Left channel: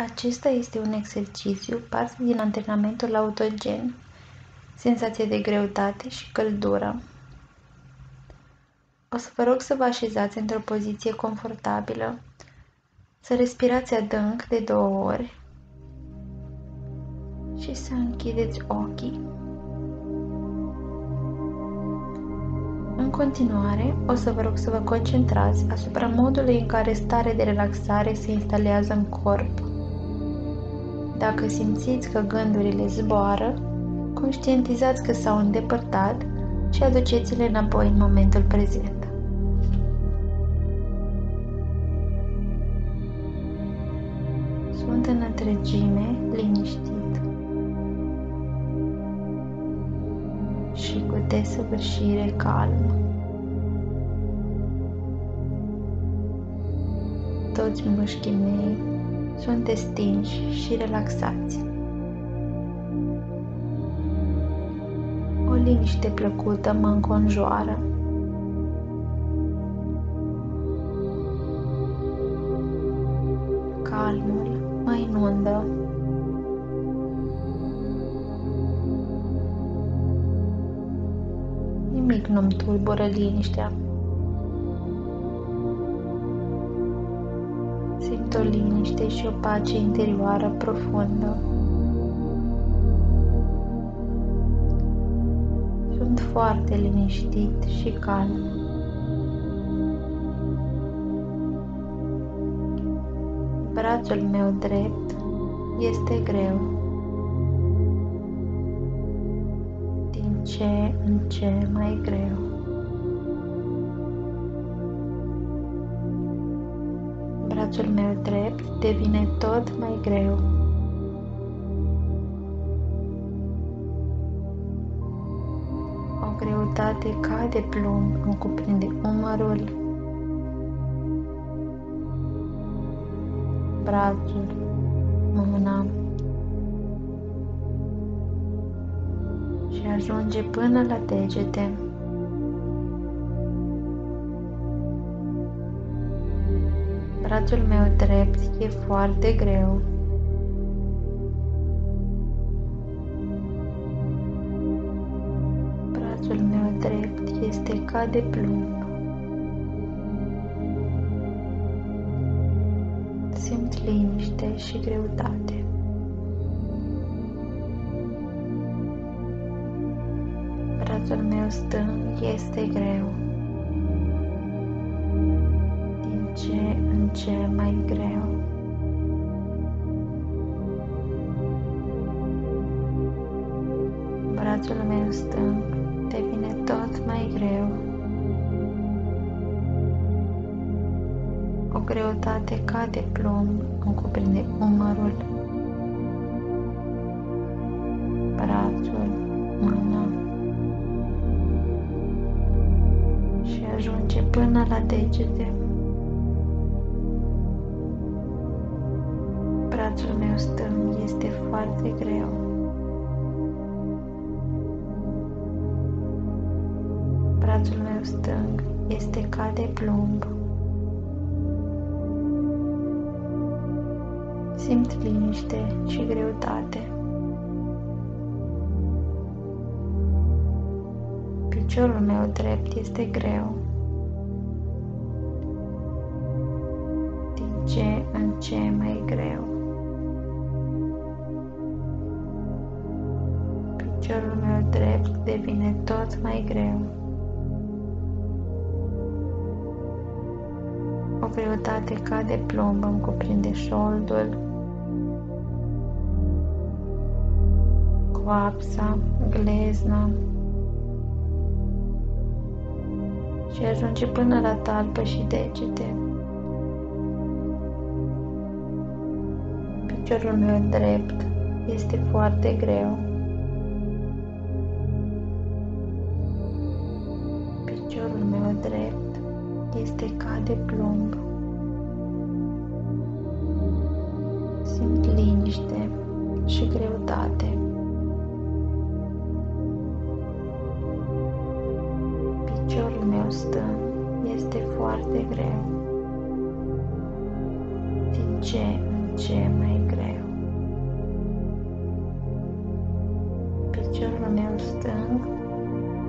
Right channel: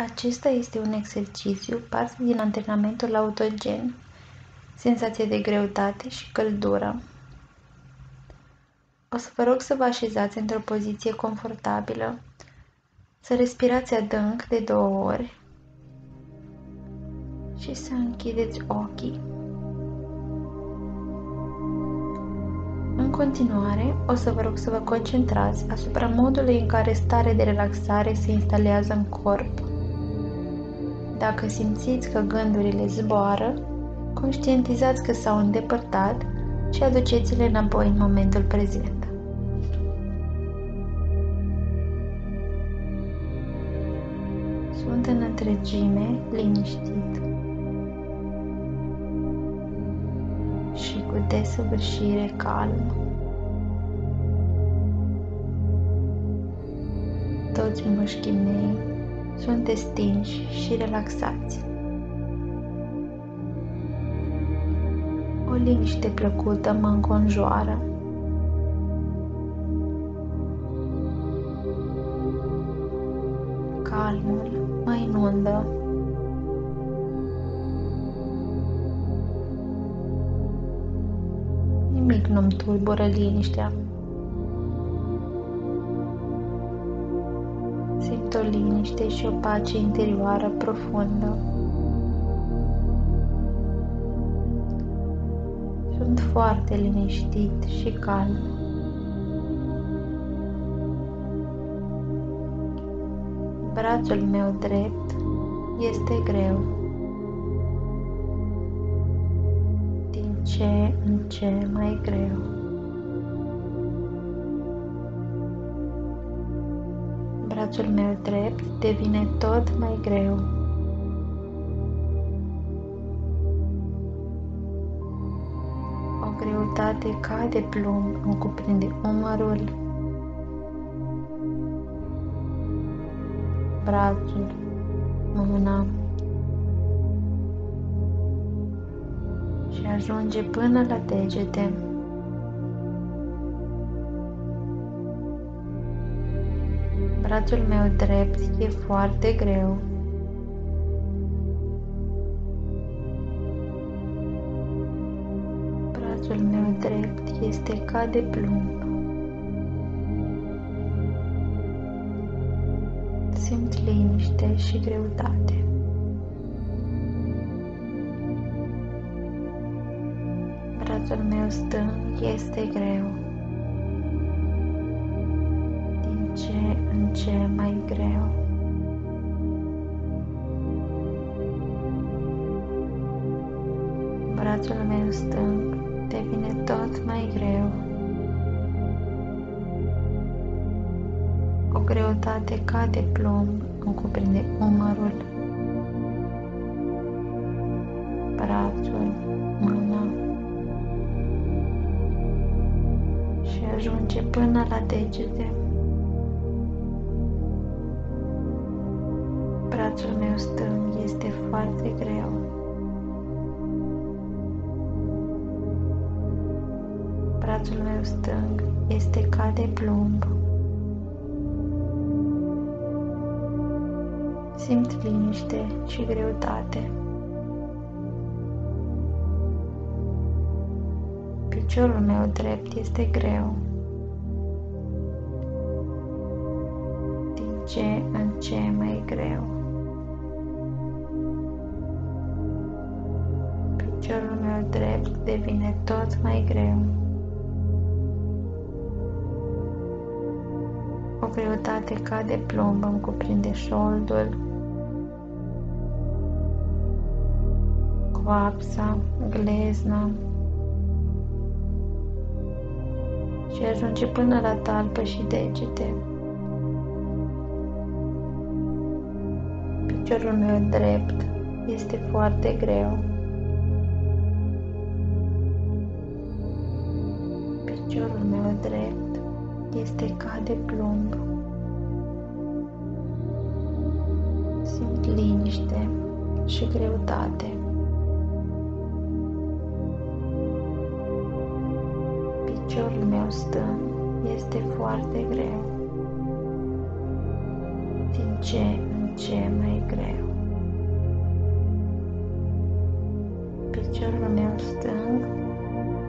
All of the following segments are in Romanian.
Acesta este un exercițiu, parte din antrenamentul autogen, senzație de greutate și căldură. O să vă rog să vă așezați într-o poziție confortabilă, să respirați adânc de 2 ori și să închideți ochii. În continuare, o să vă rog să vă concentrați asupra modului în care starea de relaxare se instalează în corp. Dacă simțiți că gândurile zboară, conștientizați că s-au îndepărtat și aduceți-le înapoi în momentul prezent. Sunt în întregime liniștit și cu desăvârșire calm. Toți mușchii mei sunt destinși și relaxați. O liniște plăcută mă înconjoară. Calmul mă inundă. Nimic nu-mi tulbură liniștea. Simt o liniște și o pace interioară profundă. Sunt foarte liniștit și calm. Brațul meu drept este greu. Din ce în ce mai greu. Brațul meu drept devine tot mai greu. O greutate ca de plumb îmi cuprinde umărul, brațul, mâna și ajunge până la degete. Brațul meu drept e foarte greu. Brațul meu drept este ca de plumb. Simt liniște și greutate. Brațul meu stâng este greu. Din ce în ce mai greu. Brațul meu stâng devine tot mai greu. O greutate ca de plumb îmi cuprinde umărul, brațul, mâna și ajunge până la degete. Brațul meu stâng este foarte greu. Brațul meu stâng este ca de plumb. Simt liniște și greutate. Piciorul meu drept este greu. Din ce în ce mai greu. Piciorul meu drept devine tot mai greu. O greutate ca de plumb îmi cuprinde șoldul, coapsa, glezna și ajunge până la talpă și degete. Piciorul meu drept este foarte greu. Piciorul meu drept este ca de plumb. Simt liniște și greutate. Piciorul meu stâng este foarte greu. Din ce în ce mai greu. Piciorul meu stâng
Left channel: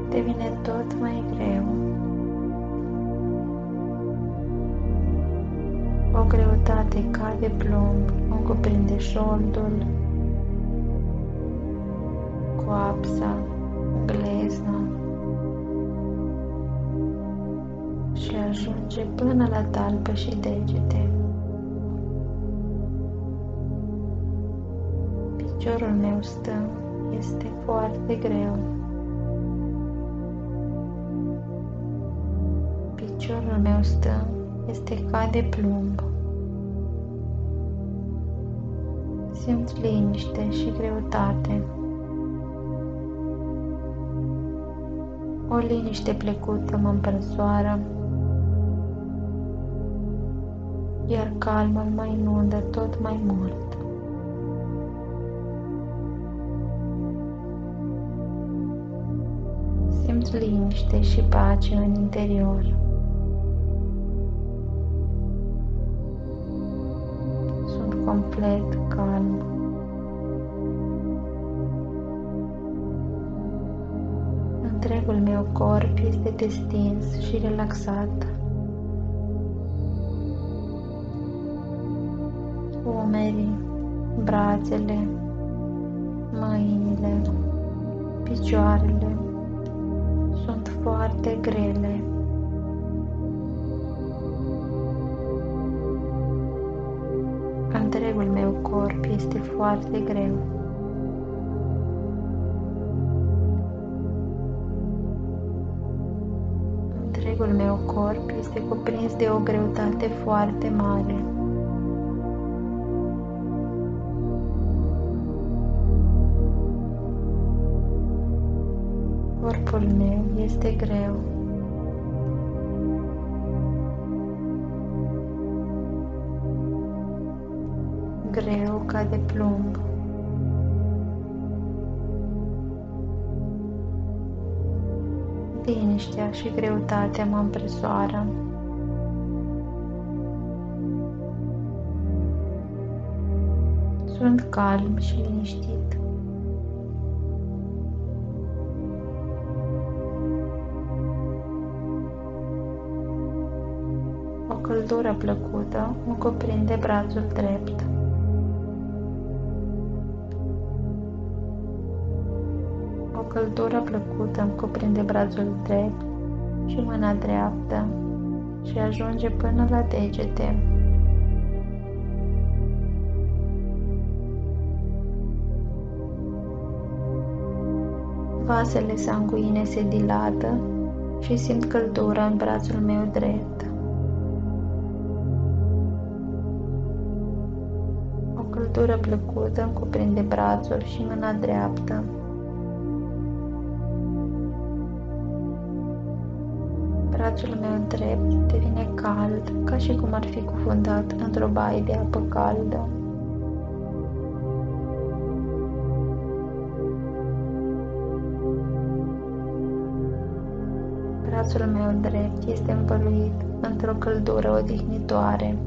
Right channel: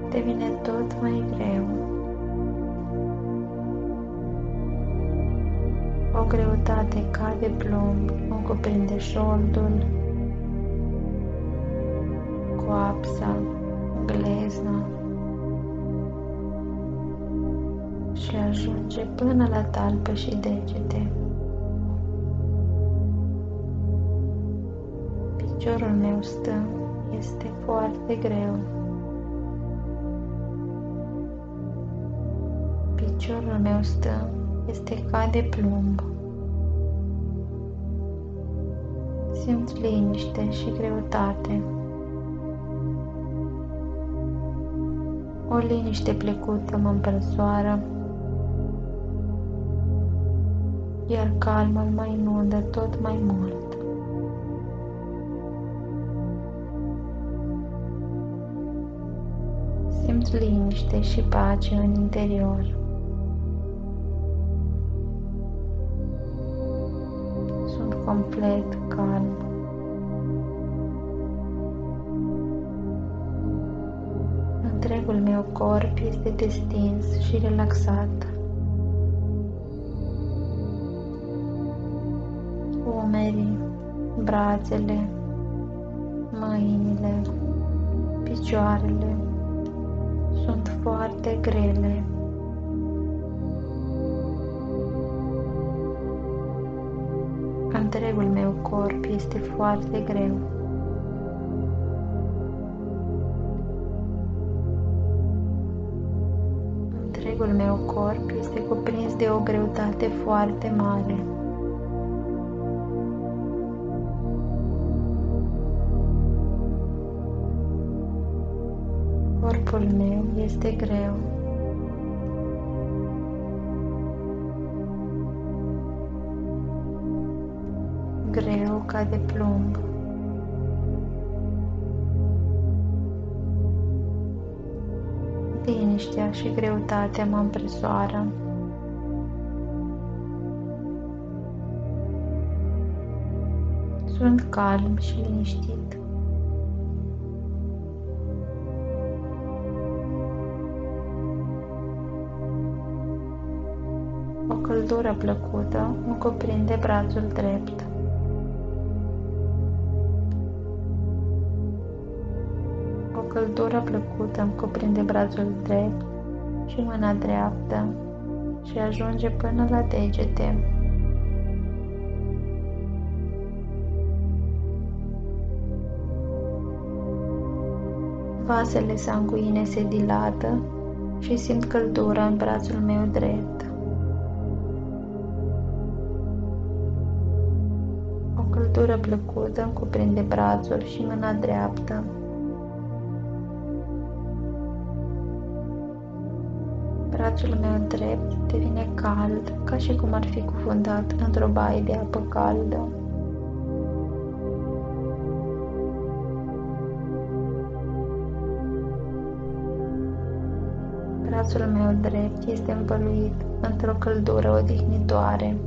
devine tot mai greu. O greutate ca de plumb îmi cuprinde șoldul, coapsa, glezna și ajunge până la talpă și degete. Piciorul meu stâng este foarte greu. Piciorul meu stâng este ca de plumb. Simt liniște și greutate. O liniște plecută mă împresoară, iar calmul mă inundă tot mai mult. Simt liniște și pace în interior. Sunt complet calm. Întregul meu corp este destins și relaxat. Umerii, brațele, mâinile, picioarele sunt foarte grele. Întregul meu corp este foarte greu. Întregul meu corp este cuprins de o greutate foarte mare. Corpul meu este greu. Greu ca de plumb. Liniștea și greutatea mă împresoară. Sunt calm și liniștit. O căldură plăcută îmi cuprinde brațul drept. O căldură plăcută îmi cuprinde brațul drept și mâna dreaptă și ajunge până la degete. Vasele sanguine se dilată și simt căldura în brațul meu drept. O căldură plăcută îmi cuprinde brațul și mâna dreaptă. Brațul meu drept devine cald, ca și cum ar fi cufundat într-o baie de apă caldă. Brațul meu drept este învăluit într-o căldură odihnitoare.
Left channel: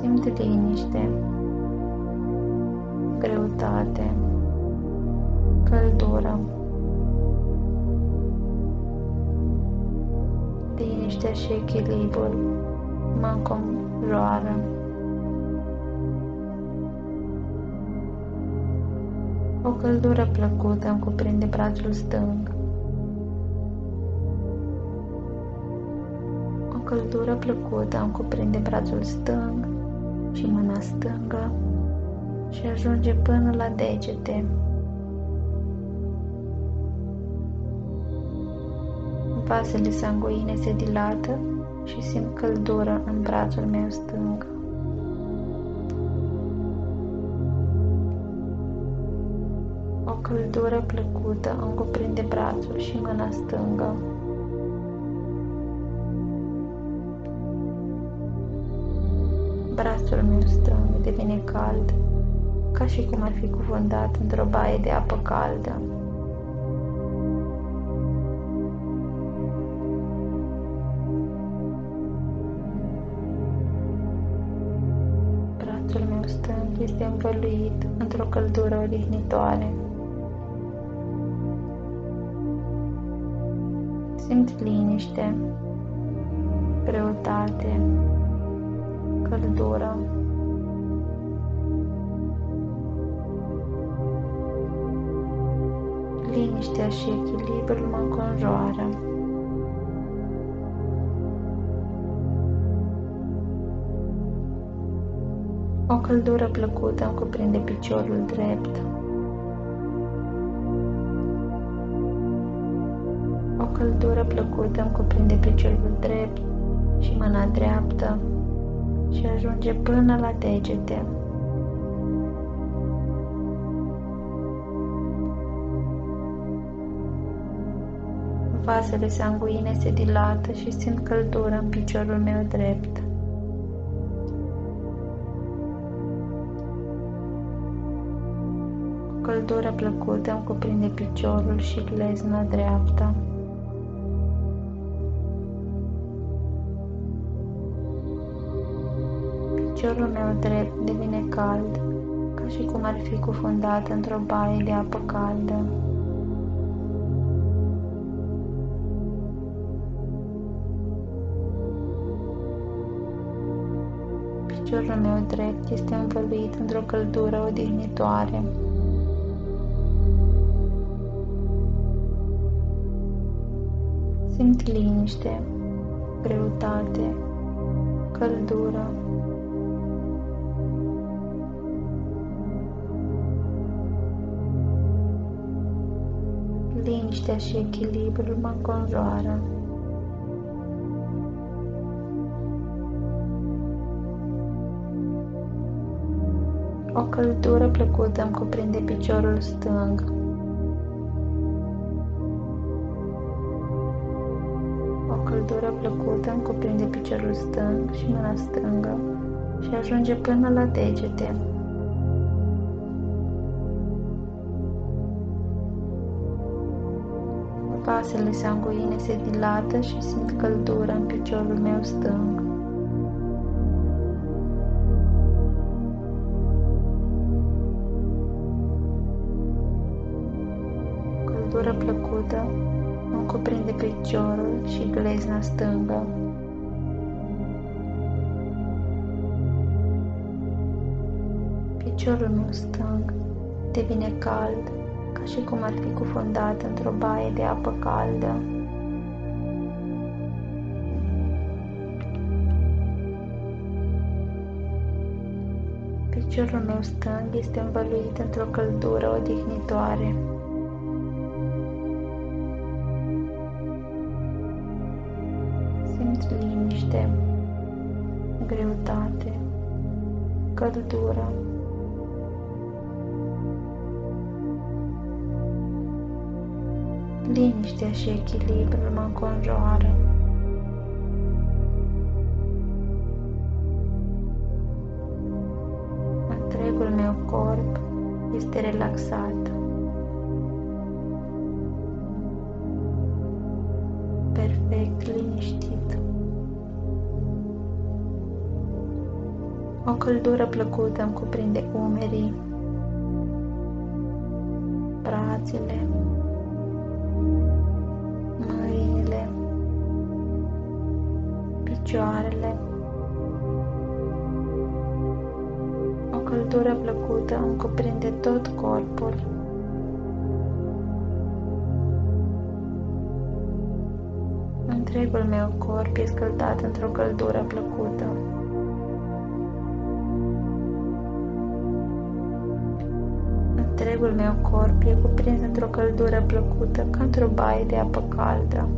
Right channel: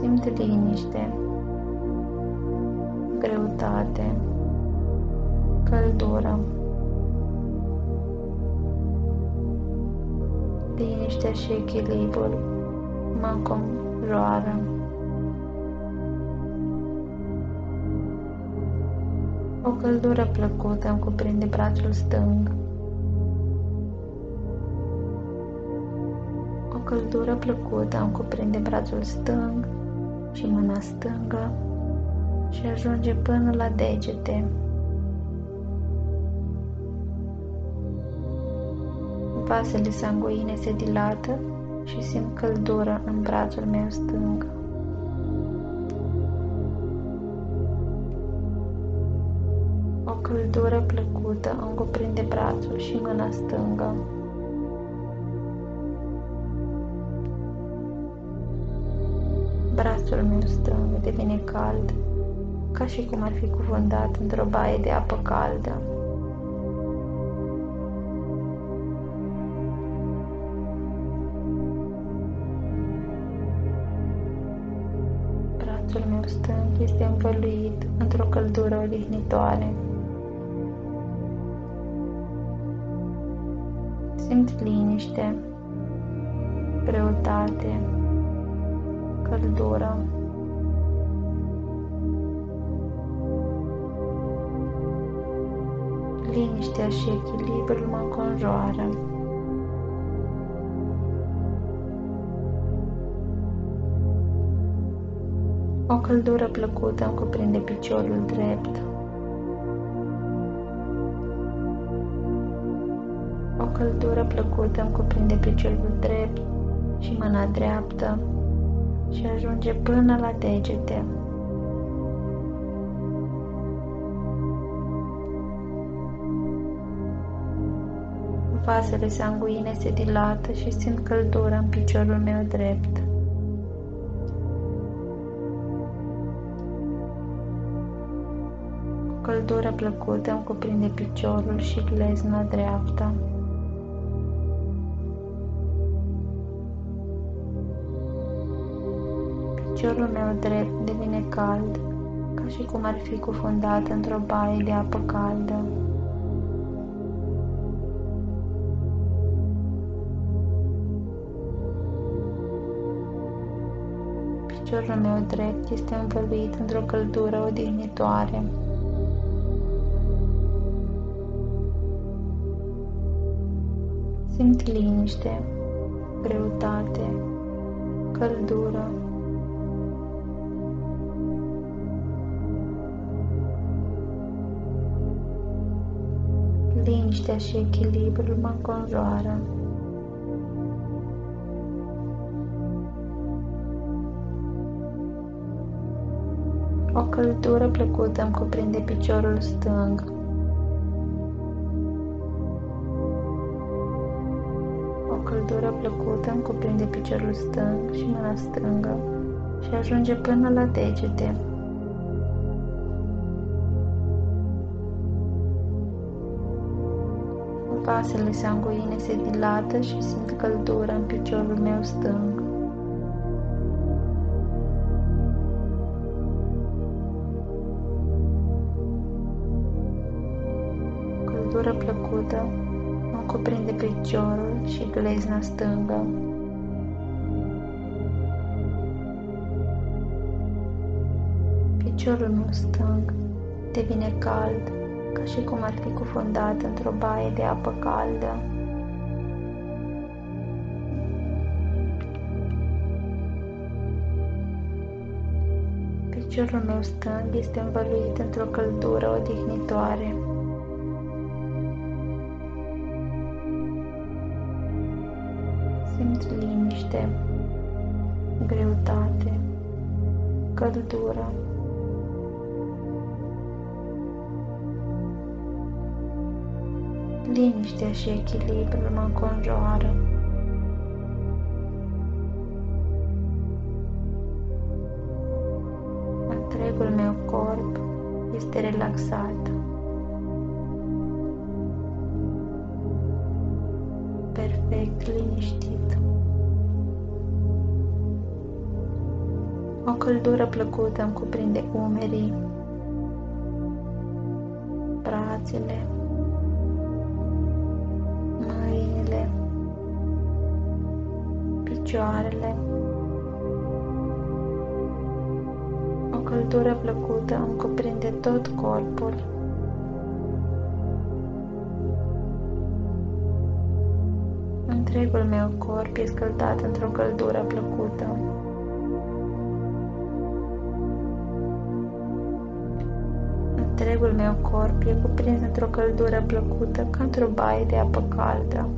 Simt liniște, greutate, căldură. Liniștea și echilibrul mă înconjoară. O căldură plăcută îmi cuprinde brațul stâng. O căldură plăcută îmi cuprinde brațul stâng și mâna stângă și ajunge până la degete. Vasele sanguine se dilată și simt căldură în brațul meu stâng. O căldură plăcută îmi cuprinde brațul și mâna stângă. Brațul meu stâng devine cald, ca și cum ar fi cufundat într-o baie de apă caldă. brațul meu stâng este învăluit într-o căldură odihnitoare. Simt liniște, greutate, căldură. Liniștea și echilibrul mă înconjoară. O căldură plăcută îmi cuprinde piciorul drept. O căldură plăcută îmi cuprinde piciorul drept și mâna dreaptă și ajunge până la degete. Vasele sanguine se dilată și simt căldură în piciorul meu drept. O căldură plăcută îmi cuprinde piciorul și glezna dreaptă. Piciorul meu drept devine cald, ca și cum ar fi cufundat într-o baie de apă caldă. Piciorul meu drept este învăluit într-o căldură odihnitoare. Simt liniște, greutate, căldură. Liniștea și echilibrul mă înconjoară. O căldură plăcută îmi cuprinde piciorul stâng. O căldură plăcută îmi cuprinde piciorul stâng și mâna stângă și ajunge până la degete. Vasele sanguine se dilată și simt căldură în piciorul meu stâng. Căldură plăcută îmi cuprinde piciorul și glezna stângă. Piciorul meu stâng devine cald, ca și cum ar fi cufundat într-o baie de apă caldă. Piciorul meu stâng este învăluit într-o căldură odihnitoare. Simt liniște, greutate, căldură. Liniștea și echilibrul mă înconjoară. Întregul meu corp este relaxat. Perfect liniștit. O căldură plăcută îmi cuprinde umerii, brațele, mâinile, picioarele. O căldură plăcută îmi cuprinde tot corpul. Întregul meu corp e scăldat într-o căldură plăcută. Întregul meu corp e cuprins într-o căldură plăcută, ca într-o baie de apă caldă.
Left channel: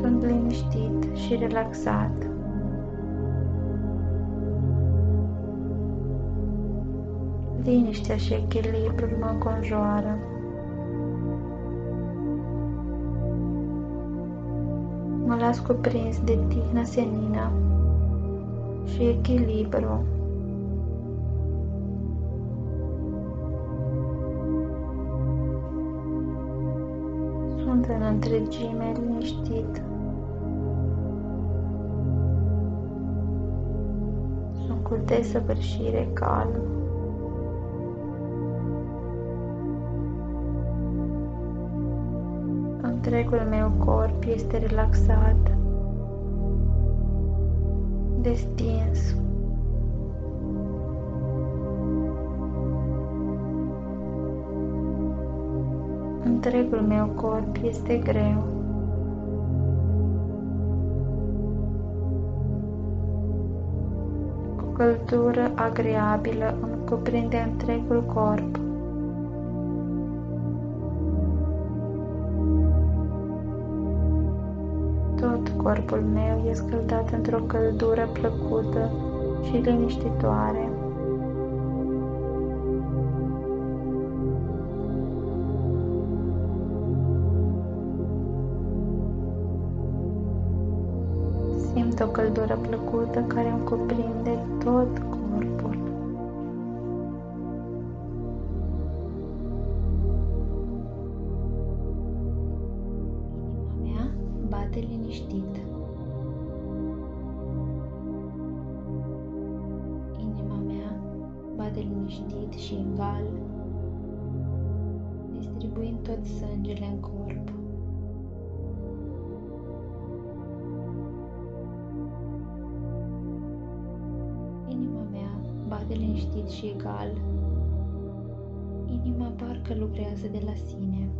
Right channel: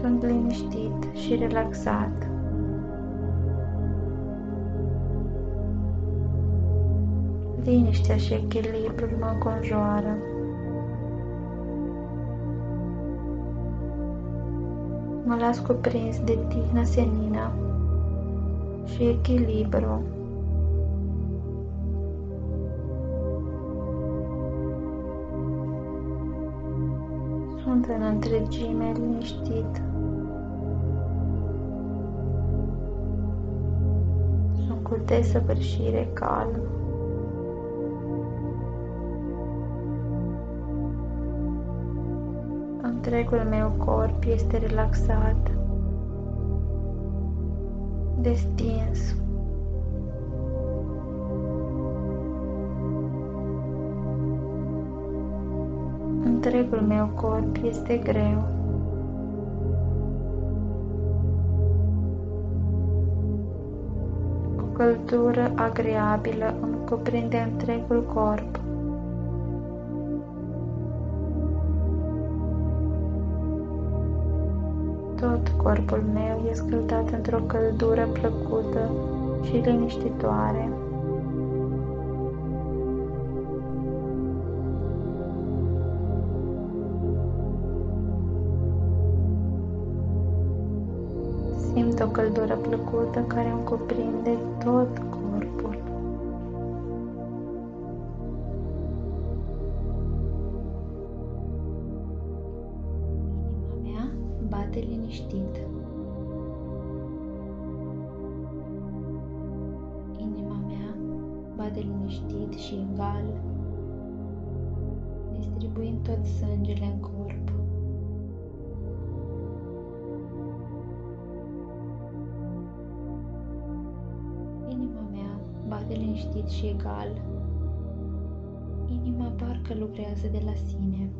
Sunt liniștit și relaxat. Liniștea și echilibrul mă înconjoară. Mă las cuprins de tihna senină și echilibru. Sunt în întregime liniștit. cu desăvârșire calm. Întregul meu corp este relaxat, destins. Întregul meu corp este greu. O căldură agreabilă îmi cuprinde întregul corp. Tot corpul meu este scăldat într-o căldură plăcută și liniștitoare. Simt o căldură plăcută care îmi cuprinde tot corpul. Inima mea bate liniștit. Inima mea bate liniștit și egal, distribuind tot sângele în corp. Inima mea bate liniștit și egal. Inima parcă lucrează de la sine.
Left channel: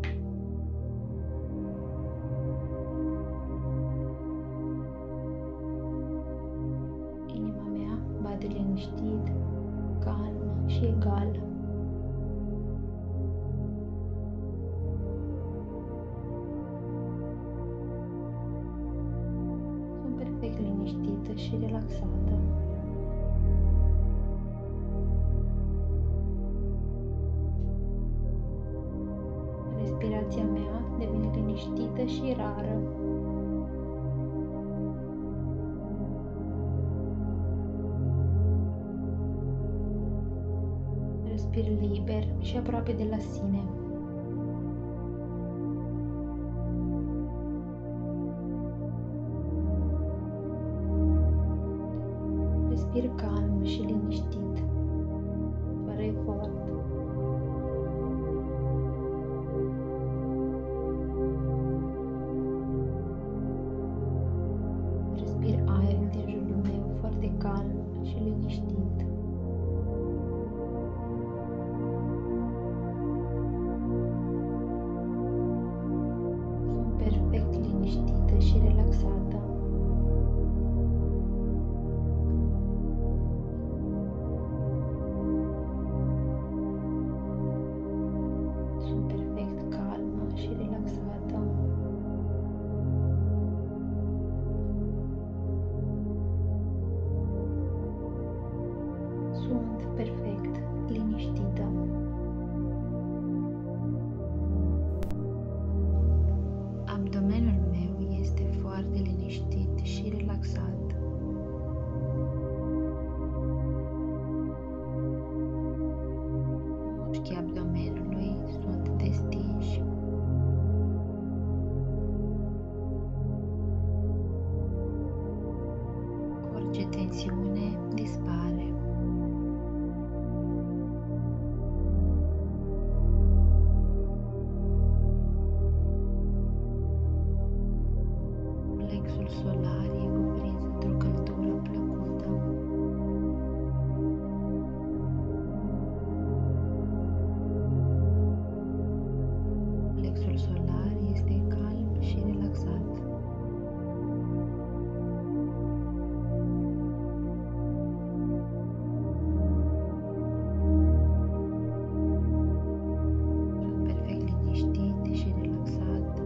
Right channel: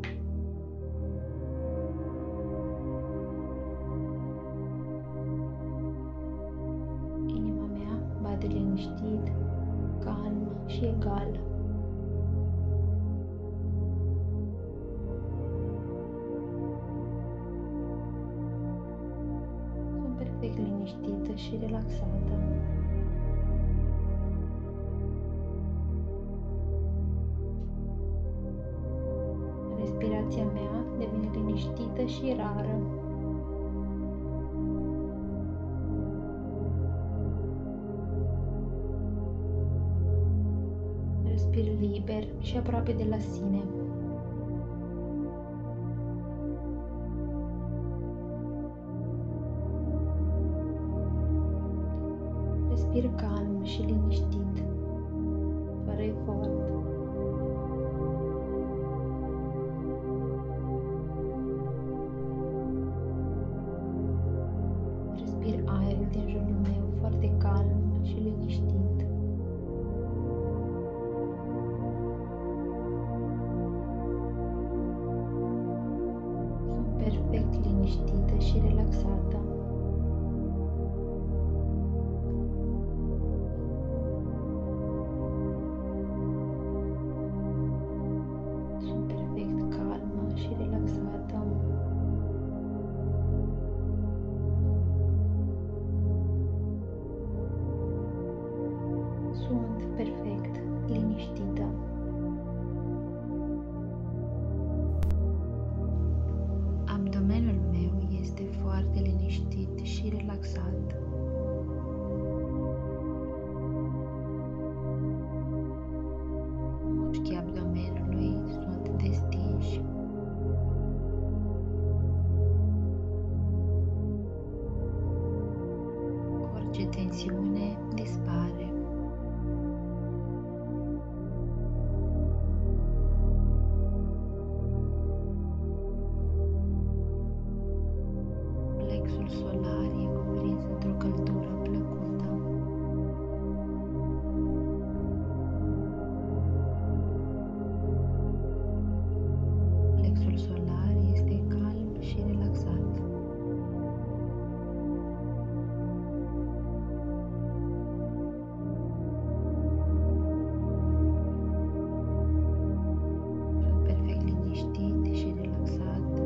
Inima mea bate liniștit, calm și egal. Sunt perfect liniștită și relaxată. Respirația mea devine liniștită și rară. Respir liber și aproape de la sine. Respir calm și liniștit, fără efort. Respir aerul din jurul meu foarte calm și liniștit. Sunt perfect liniștită și relaxată. Sunt perfect calmă și relaxată. Sunt perfect liniștită. Abdomenul meu este foarte liniștit și relaxat. Mușchii abdomenului sunt destinși. Orice tensiune dispare. Plexul solar e cuprins într-o căldură plăcută. Plexul solar este calm și relaxat. Sunt perfect liniștit și relaxat.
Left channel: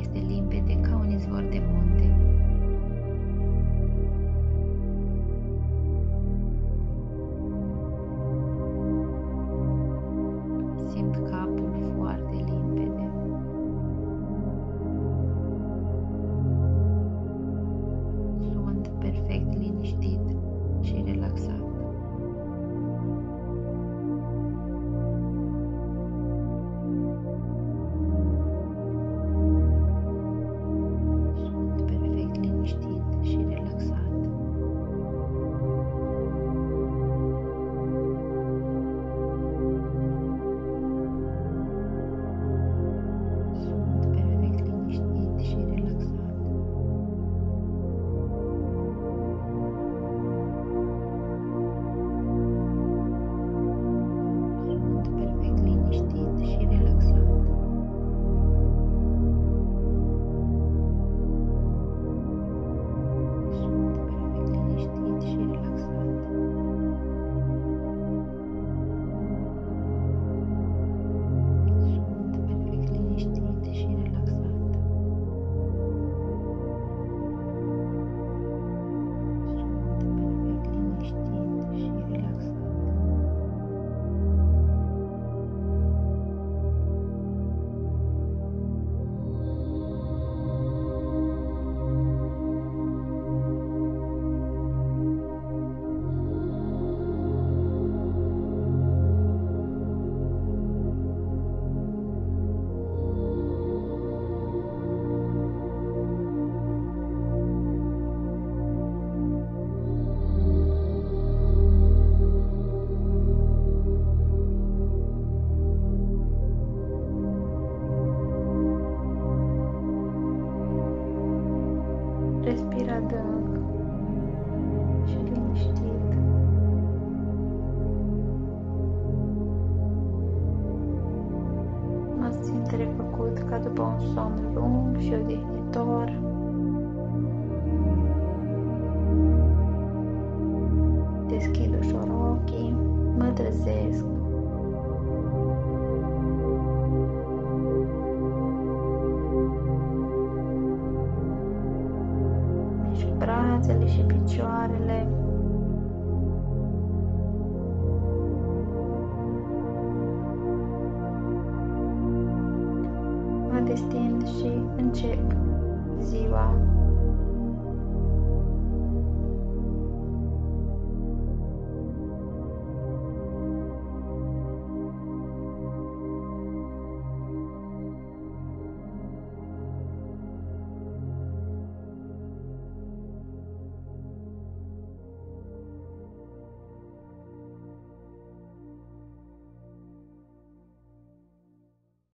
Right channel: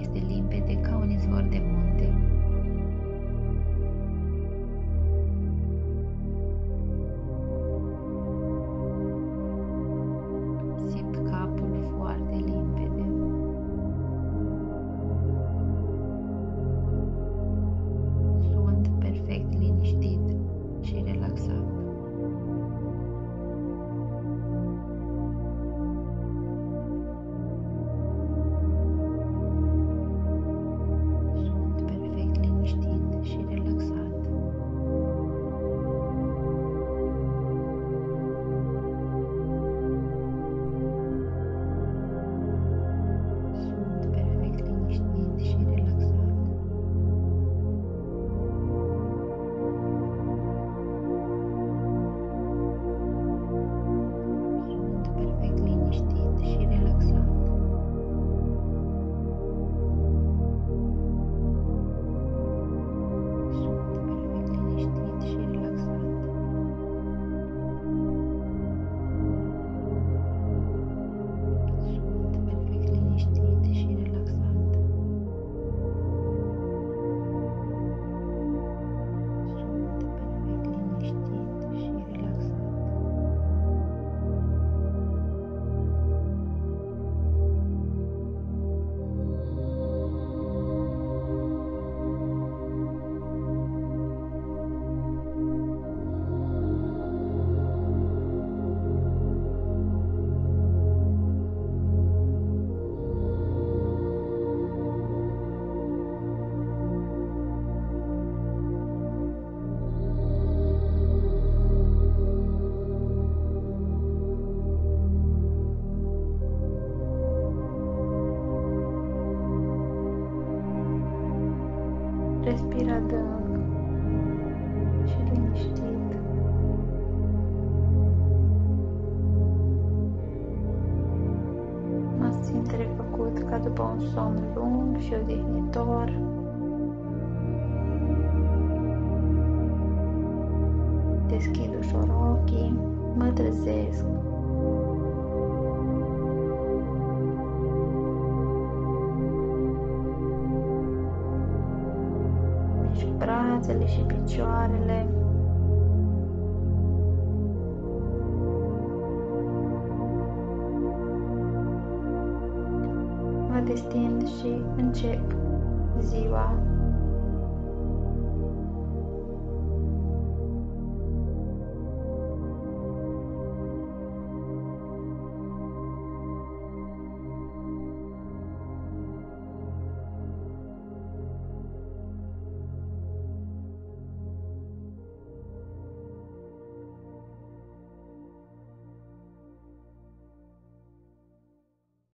este limpede ca un izvor de munte. Simt capul foarte limpede. Sunt perfect liniștit și relaxat. Sunt perfect liniștit și relaxat. Sunt perfect liniștit și relaxat. Sunt perfect liniștit și relaxat. Sunt perfect liniștit și relaxat. Sunt perfect liniștit și relaxat. Sunt perfect liniștit și relaxat. Respir adânc și liniștit. Mă simt refăcut ca după un somn lung și odihnitor. Deschid ușor ochii, mă trezesc. Mișc brațele și picioarele. Mă destind și încep ziua.